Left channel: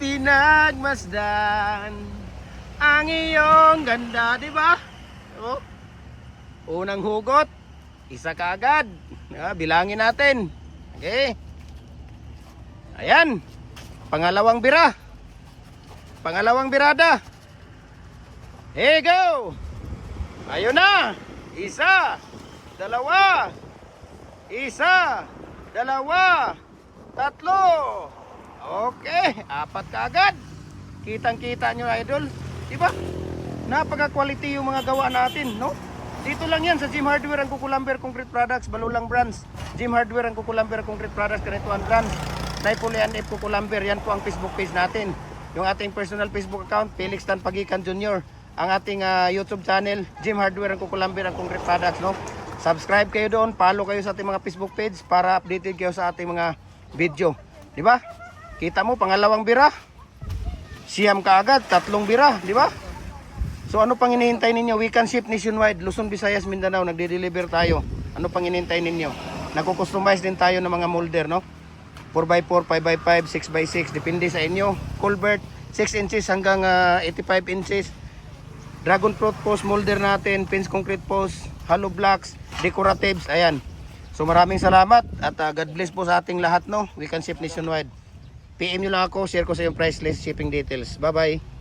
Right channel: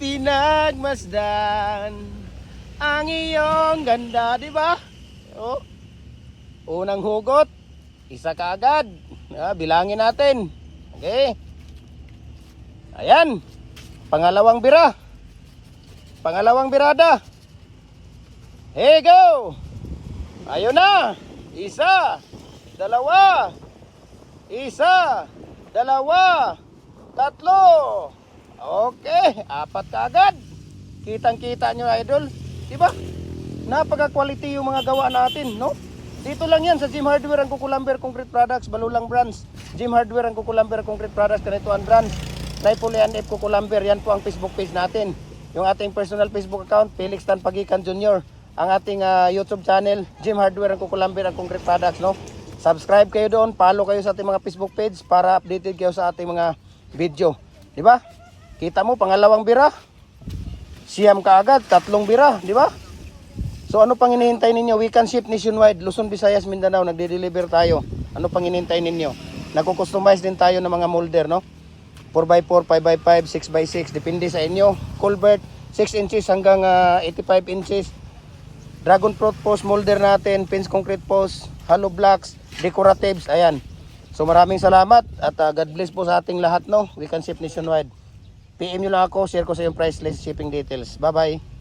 pinagmasdan ang iyong ganda, di ba? Oh. Unang hugot, isa kaagad. Bilangin natin. Okay. Ayan. Pangalawang bira. Pangalawang birada. Here go. Ayun na. Isa. Dalawa. Isa. Dalawa. Tatlo. Okay. Apat kaagad. Kitang-kita nyo, idol. Diba? Napaka-quality yung mga gawa natin, no? Dito lang yan sa Jim Hardware ang Kukulamber Concrete Products, Balulang Branch. Jim Hardware ang Kukulamber Concrete Products, Kanituan Branch. Naipuli and F Kukulamber, yan po ang Facebook page natin. Yung ating personal Facebook account, Felix Tan Pagikan Jr. Ang ating YouTube channel, Jim Hardware ang Kukulamber ang Concrete Products, no? Subscribe kayo doon, follow kayo sa ating mga Facebook page para updated kayo sa ating mga video. Diba? Kita mo, pangalawang bira. Siyam kaagad, tatlong bira, diba? So ano pang hinihintay ninyo? We can ship nationwide, Luzon, Visayas, Mindanao, nagde-deliver tayo. Ano pang hinihintay ninyo? Nagko-customize din tayo ng mga molder, no? 4x4, 5x5, 6x6, depende sa inyo. Culvert, 6 inches hanggang 85 inches. Dragon fruit post molder natin, fence concrete post, hollow blocks, decoratives, ayan. So maraming salamat at God bless po sa ating lahat, no? We can ship nationwide. PM nyo lang ako, share ko sa yung price list, shipping details. Bye-bye.